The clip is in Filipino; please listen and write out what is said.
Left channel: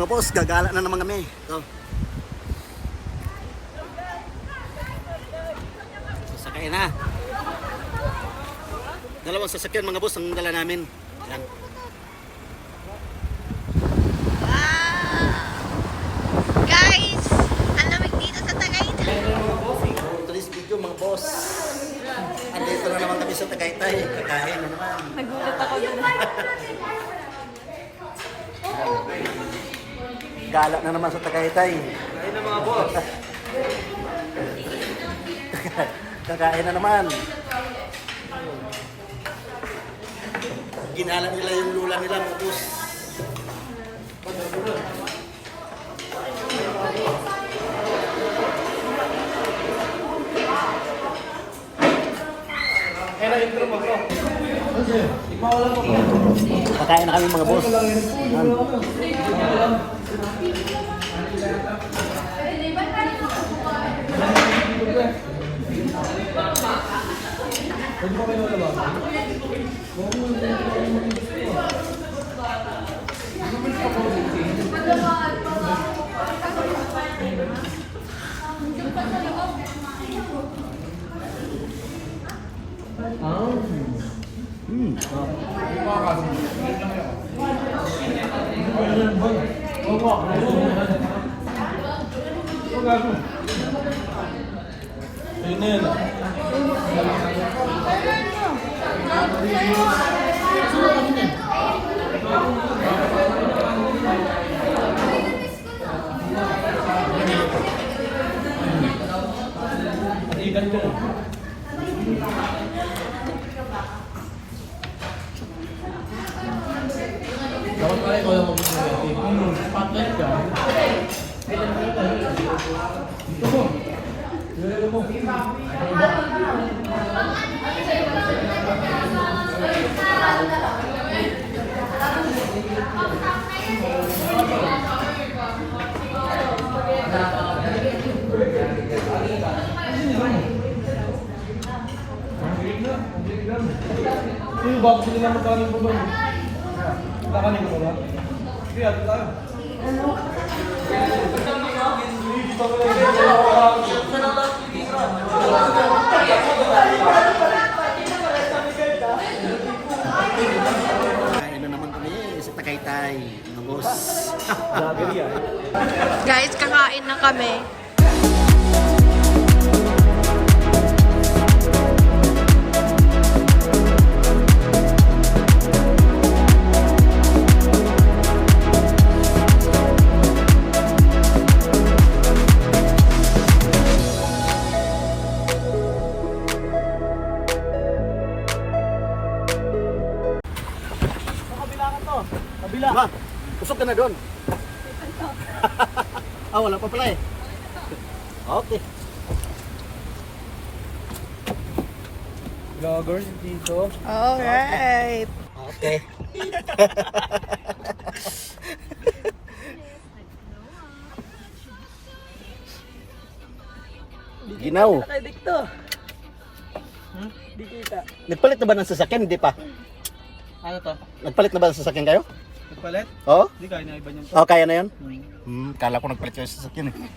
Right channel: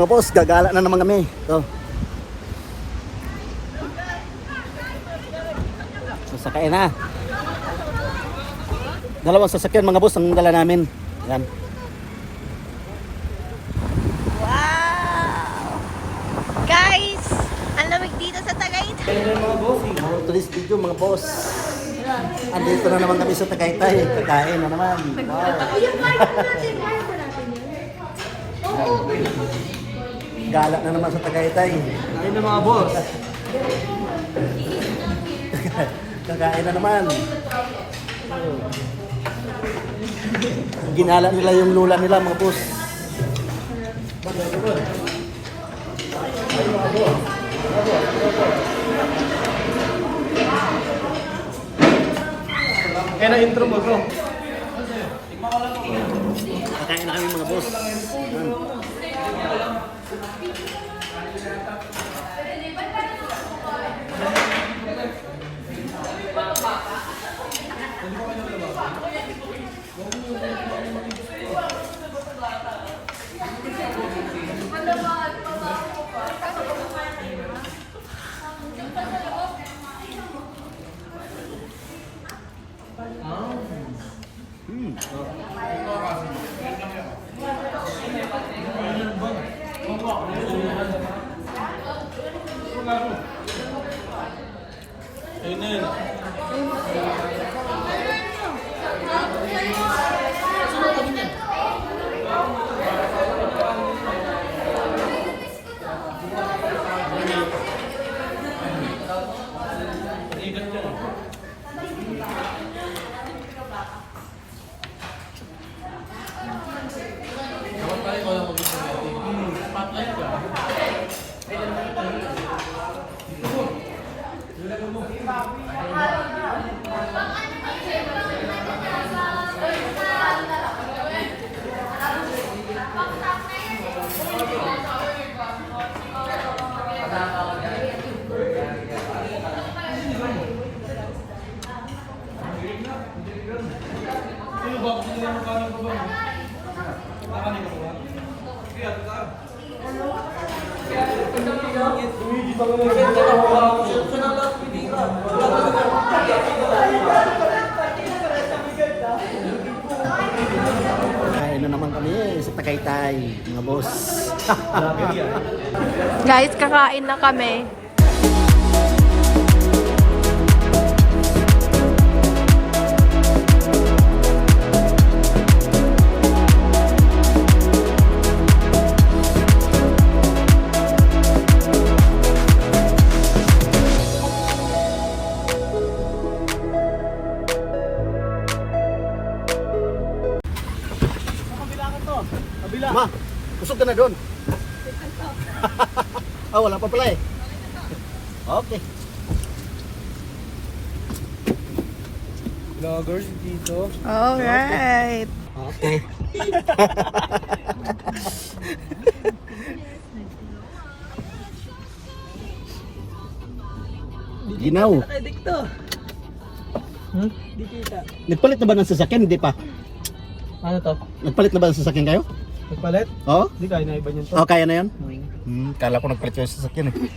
mga boss, gagala na naman kami. Ito. Sasakay na. Dalawang sasakyan mga boss ang dala namin. Yan. Wow! Guys, ang lamig dito sa Tagaytay. Today's video mga boss. Andito na naman kami sa Tagaytay. Kain na naman. Wow. Gala na naman sa Tagaytay. Ayun na mga boss. Kakain na naman. Ginala nila yung lula nila mga boss. Kaya na intro mo to. Pakain na kami mga boss. Dapat pala ikaw lang mag-isip. Partner ka. Ano ba? Gusto nila magkaroon ko ba? Kakanin ko ba? Sige, ato tayo. Kain na naman kami sa Tagaytay mga boss. Guys, kakain na kami. Ma, kusog ka na doon. Wala pa pala eh. Okay. Vloggers dito. Alright. Okay. Ginaw. Di kita. Nagpalit na ba ng sasakyan? Hindi pa. Ano to? Nagpalit na ba ng sasakyan kayo? Nagpalit? Oo? Hindi kaya na iba niyo to. Oh, kaya na yun? Kala ko nagpalit kayo sa sasakyan eh.